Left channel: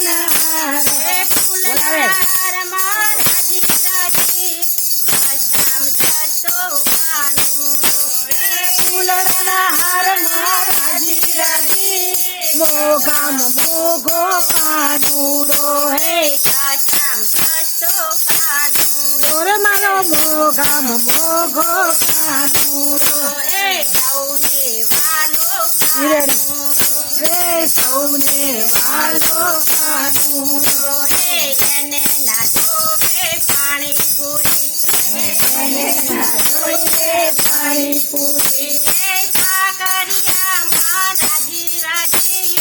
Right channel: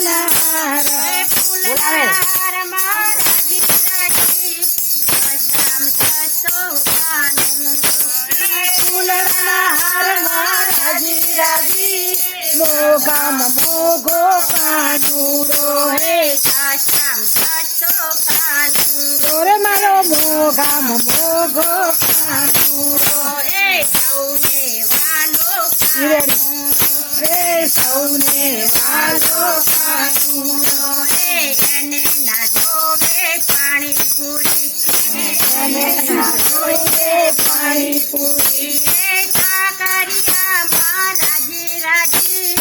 ફૂલડાના હાર બોલાવે ફૂલડાના હારમાં રાજી રાજી મોઘામાં મોઘો કાનુડો હે રે મારો મોઘામાં મોઘો કાનુડો રે સૌને વાલો કાનુડો એને ના જોવે પાણીપુરી એને ના જોઈએ પાણીપુરી કાકરિયામાં રાજી રાજી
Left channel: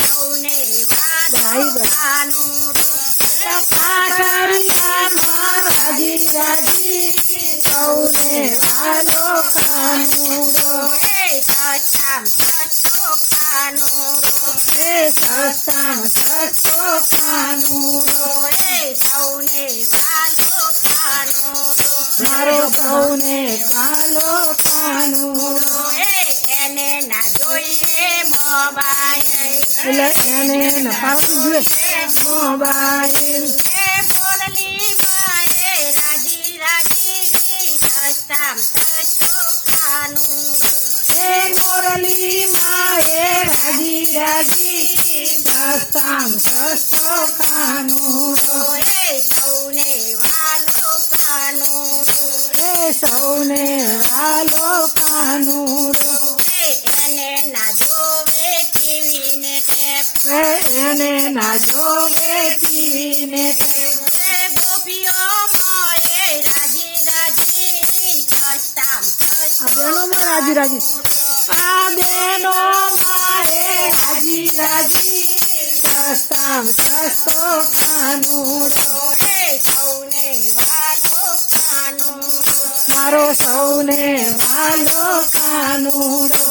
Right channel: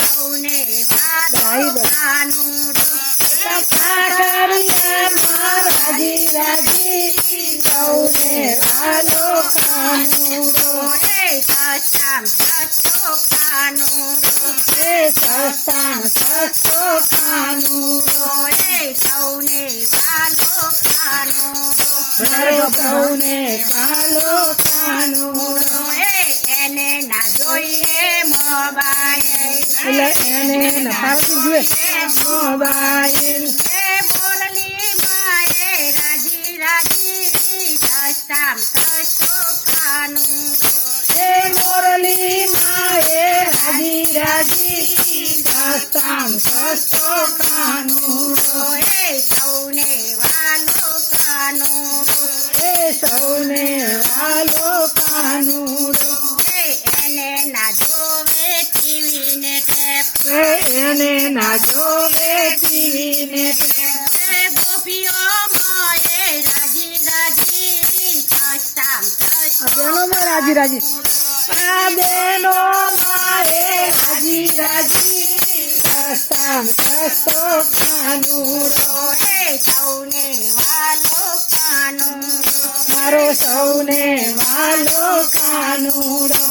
સૌને વાલો કાનુડો કાકરિયામાં રાજી રાજી સૌને વાલો કાનુડો સસ્તામ સસ્તો કાનુડો સસ્તામ સસ્તો કાનુડો સૌને વાલો કાનુડો મારો સૌને કાલો કાનુડો એને ના જોઈએ મોબાઈલ એટલે એને પાડતું જોઈએ મોબાઈલ બોલલી માએ રાજી રાજી સસ્તામ સસ્તો કાનુડો મોરલી માએ રાજી રાજી સસ્તામ સસ્તો કાનુડો સૌને વાલો કાનુડો સૌને વાલો કાનુડો એને ના જોવે ટીવી ને ટેપ એને ના જોવે ટીવી ને ગોપીઓ મોએ રાજી રાજી સસ્તામ સસ્તો બેનો માં રાજી રાજી આ બેનો માએ રાજી રાજી સસ્તામ સસ્તો કાનુડો સૌને વાલો કાનુડો મારો સૌને વાલો કાનુડો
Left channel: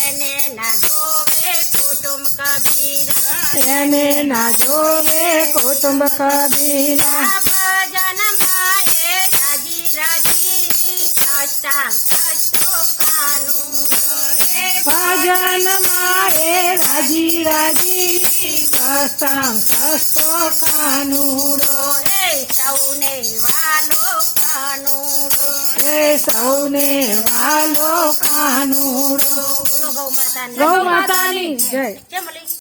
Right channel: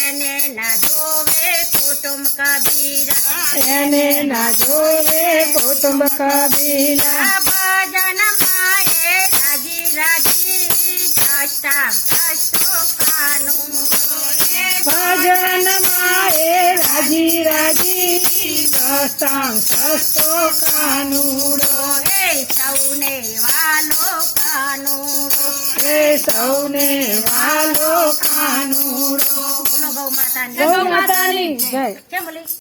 એને ના જોવે કુટુંબ કબીરા એને ના જોવે કુટુંબ કબીલા ભજન માએ રાજી રાજી સસ્તામ સસ્તો કાનુડો ભજન માએ રાજી રાજી સસ્તામ સસ્તો કાનુડો સૌને વાલો કાનુડો સૌને વાલો કાનુડો બોલો ગૌ માતા ગૌ માતાની જય. કેમ બોલી